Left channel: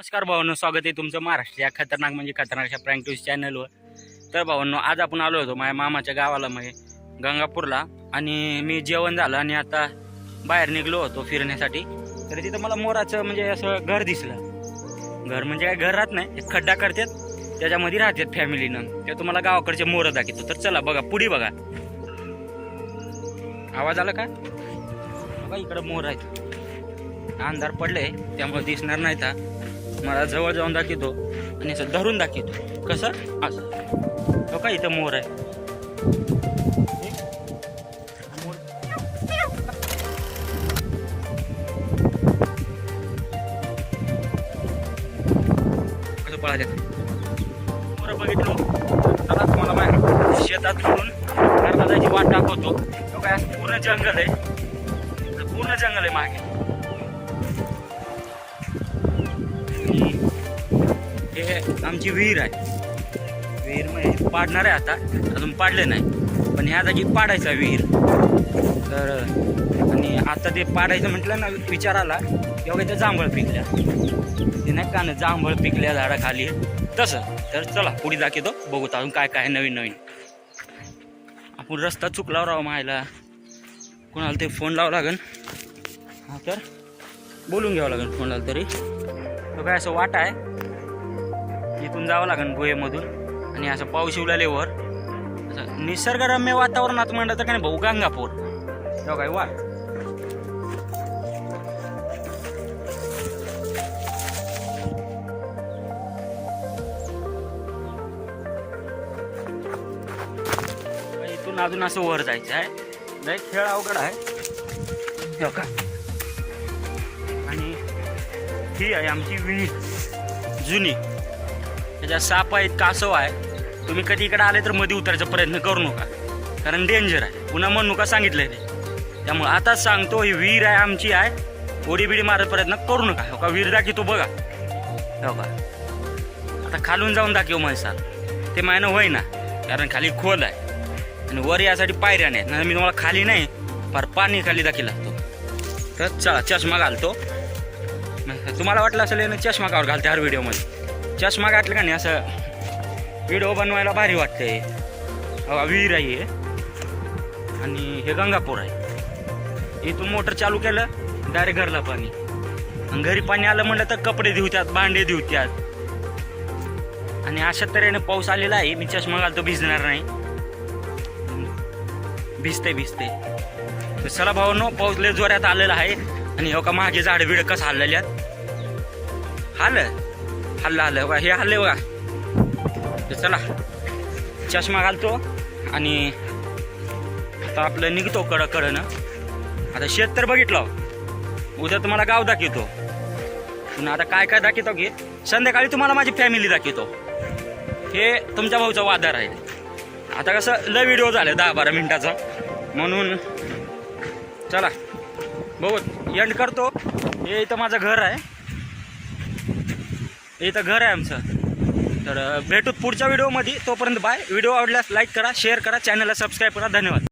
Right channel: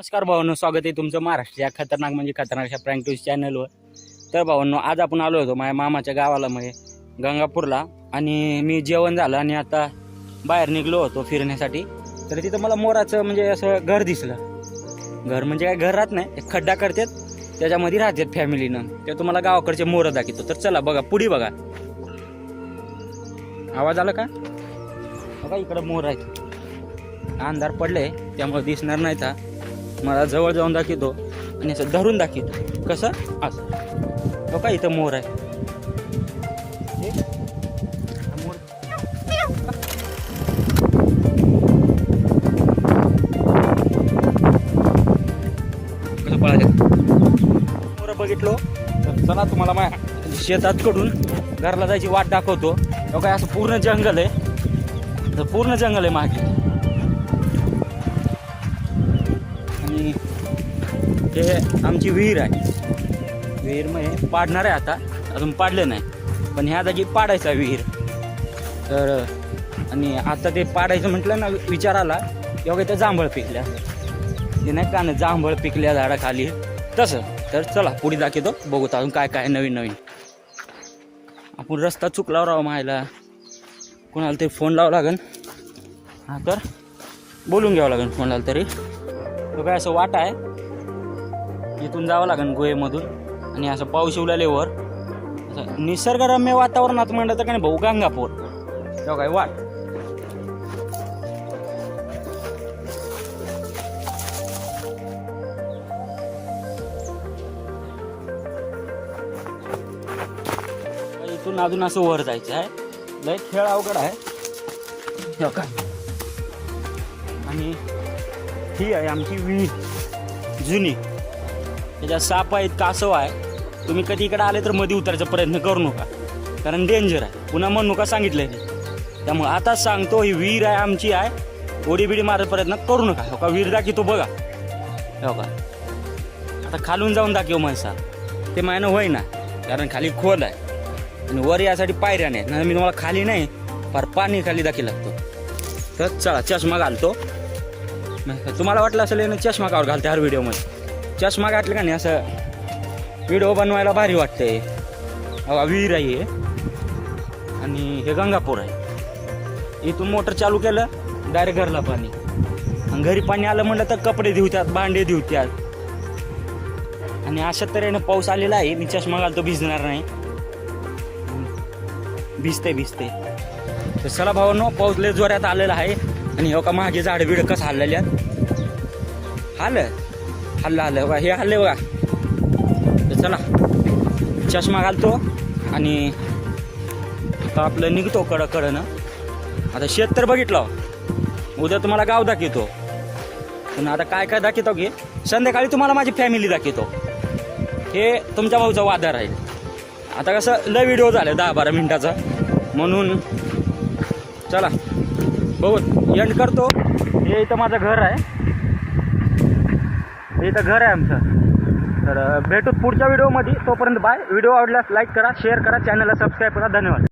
नमस्कार भावांनो स्वागत आहे तुमचं महाराष्ट्र या खतरनाक म्हणजे खतरनाक अशा प्रँक न्यूज चॅनलवर तर भावांनो आज आपण आलो होतो माझ्या मामाच्या गावाला म्हणजे गंगापूरला. आणि मी जेवण झालं आणि आता बाहेर निघलो होतो फिरण्यासाठी. तर तिथं मला मोराचं म्हणजे असं घर दिसलं. घर म्हणजे काय घर राहत नाही एक खड्डा करतात त्याच्यामध्ये राहतात फॅमिलीनं ते तुम्हाला गावाकडचे मोरं दाखवतो. तर चला बघा पुढे बघा. आवाज आला का? बघा इकडं मोर आहेत. अंधार पडले त्यामुळे दिसणार नाही का मला जवळ जाऊन दाखवतो आणि असं धरून दाखवतो. कसं? असं. हो का इथं मोर आहे. कसं पळायचं मोर बघितलो? चला तुम्हाला बाहेर शेतात कडून कर्नाटाची वाट दाखवतो. काय असं पूर्ण जंगल आहे. तर पूर्ण जंगल आहे मागे. हे आमची विहीर आहे. विहीर म्हणजे पाडणार आहे आता. अजून पाडले नाही. पण ह्या जागी पाडायचा विहीर. तर आणि आता ते पाडायचं म्हटलं ना विचार आला. तेव्हा इथं जांभळ पिकल्या. ते नाही का ना जांभळ पिकल्या झाडाखाली. तसं. तर चला पुढे दाखवतो. बघू अजून काय काय नवीन नवीन. आपण रस्ता चुकला राव मायला. कोणाला ते फोन लावावं लागेल हा तर बोलून घ्यावं लागेल कोणाला तरी. तो काय असं वाट आहे. इथून जावं लागेल गोयेमधून आणि असं पाऊस उलालेवर असं निसर्गरम्य वातावरणात म्हणलं तर नाही भाऊ गंगापूर. जाऊ काय वाट. इथून अजून असं वर जायचं आहे. लय खेळ अवघड आहे. आणि ही आहे आमची विहीर जुनी. त्याच्यात साप आहेत कासव आहे. तुम्ही कधी इकडे आले तर मध्ये उतरायचा प्रयत्न करू नका. कारण डेंजर आहे. पुन्हा म्हणू नका सांगितलंय ते? त्यामुळे आता सांगतो ही विहीर आहे आमची आहे. उडी बिडी प्रयत्न करू नका. हो का? विहीर दाखी तो बघा. हो का? आता खालून जाऊन दाखव म्हैसा ते मायनं होय ना कारण खाली खोल आहे. आणि वर यासाठी पायऱ्या नाहीत. नाही मी तुम्हाला खाली नाही फार पाणी खाली दाखी लागतो. तर चला चष्मा घालतो. तुम्हाला वाटलं असेल यानं चष्मा कावर घालते हर व्हिडिओमध्ये. चष्मा घातलं का नाही असं व्हिडिओ बनवायला भारी वाटते. विहीर आहे आणि हे गंगापूर आहे. इथून मोटर चालू केलं डायरेक्ट घरला पाणी. आणि घरी पाणी आलं म्हणलं तर कपडे धुत्यात भांडे धुत्यात आणि अशा तऱ्हेने पाऊस आलेला आहे. मी चष्मा घालतो भिजणार नाही. भिजते भिजते. चला भावांनो पाऊस लय जोरात आलेला आहे. आणि हो का माझे झाड बिड कसं हल्लेले आहेत हल्लं हल्लं बघा हे हल्ले बघा. चला. चष्मा घालतो आणि आता आपलं निघतो कड कडनं. आता शेत तर बघितलं. उद्या तुम्हाला गाव दाखवतो. पुन्हा आता काय काय दाखवतो की संध्याकाळी तुम्हाला माझी फॅमिली दाखवतो. हे तुमच्या भाऊचा वादार आहे आता कसं लय व्हिडिओ झाले दहा बारा मिनिटाचा. म्हणून चला. बघून एंड करतो. हे इथं माझं घर आहे. हे इथं घर आहे आमचं. तर भेटूत भेटू पुढच्या व्हिडिओमध्ये तोपर्यंत बाय व्हिडिओ आवडल्यास लाईक करा शेअर करा चॅनलला सबस्क्राईब करा. धन्यवाद.